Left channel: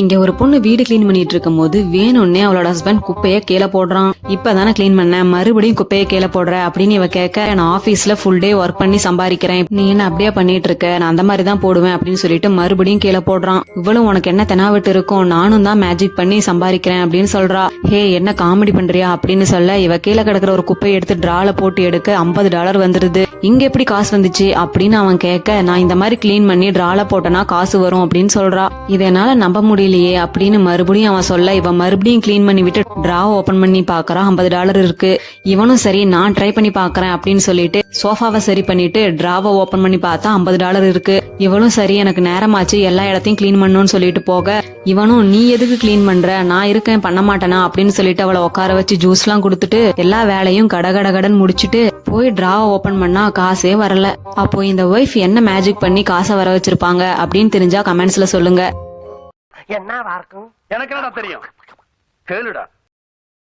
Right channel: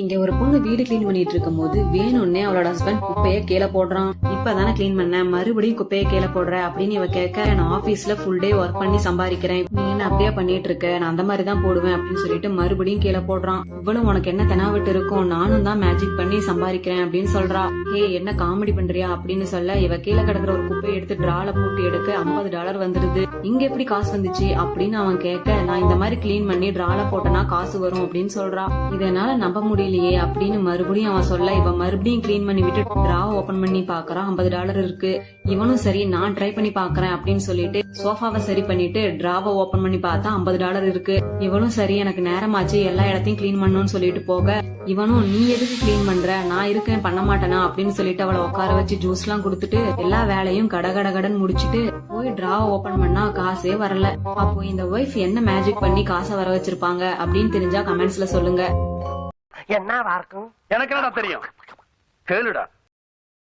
இங்க ஒரு பொண்ணு வீடு கிளீன் பண்ணிட்டு இருக்கும் போது வேணும்னே அவளோட ஹஸ்பண்ட் குப்பைய கீழே போடுறான். இப்பதானே கிளீன் பண்ண, மறுபடியும் குப்பைய கீழே போடுற அப்படின்னு இவ கேட்க, நான் ஆபீஸ்ல ஃபுல் டே ஒர்க் பண்ணி சம்பாதிக்கிறேன், நீ என்ன அப்படியே பண்ணிட்டு இருக்க, நான் அந்த மாதிரி தான் போடுவேன் அப்படின்னு சொல்லிட்டு மறுபடியும் கீழே போடுறான். இவ்வளவு உனக்கு என்ன தெனாவிட்டு இருக்கும், நானும் தான் மேஜிக் பண்ணி சம்பாதிக்கிறேன் அப்படின்னு சொல்றா. ஹே என்ன காமெடி பண்றியா அப்படின்னு சொல்ல, இவ கீழே கிடக்குற ஒரு குப்பையை எடுத்து டிரால போட்டு எடுக்க $50 வந்துருது. இங்க எப்படி காசு வந்துச்சு அப்படின்னு அவன் கேட்க, நான் இந்த மாதிரி கிளீன் பண்ணி டிரால போட்டனா காசு வரும் அப்படின்னு சொல்றா. இதனால நம்ப முடியலையே அப்படின்னு மறுபடியும் அவன் சொல்ல, இவன் மறுபடியும் கிளீன் பண்ணி விட்டு டிராவை ஓபன் பண்ணி பாக்குறான். $50 இருக்கு. இவனும் சரி நான் ட்ரை பண்ணி பாக்குறேன் அப்படின்னு சொல்லிட்டு சோஃபாவை சரி பண்ணிட்டு டிராவை ஓபன் பண்ணி பார்த்தா $50 இருக்கு. இவனும் சரி எனக்கு நேரமாச்சு எல்லா இடத்தையும் கிளீன் பண்ணணும்னு சொல்லிட்டு போக, இவனும் நீ எதுக்கு கிளீன் பண்ற, நான் இருக்கேன் பண்ண மாட்டேனா அப்படின்னு சொல்லிட்டு அவளை உட்கார வச்சு ஜூஸ் எல்லாம் கொடுத்துட்டு எல்லா வேலையும் கடகடகடன் முடிச்சுட்டு போய் டிராவை ஓபன் பண்ணா காசே வரல. அப்போ இந்த ஒய்ஃப் என்ன மேஜிக் பண்ணி காசை வர வச்சிருப்பாங்க அப்படின்னு தெரிஞ்சா கமெண்ட்ஸ்ல சொல்லுங்க. என்ன இருக்கும்? எனக்கு என்னடா தெரியும், கேளுடா.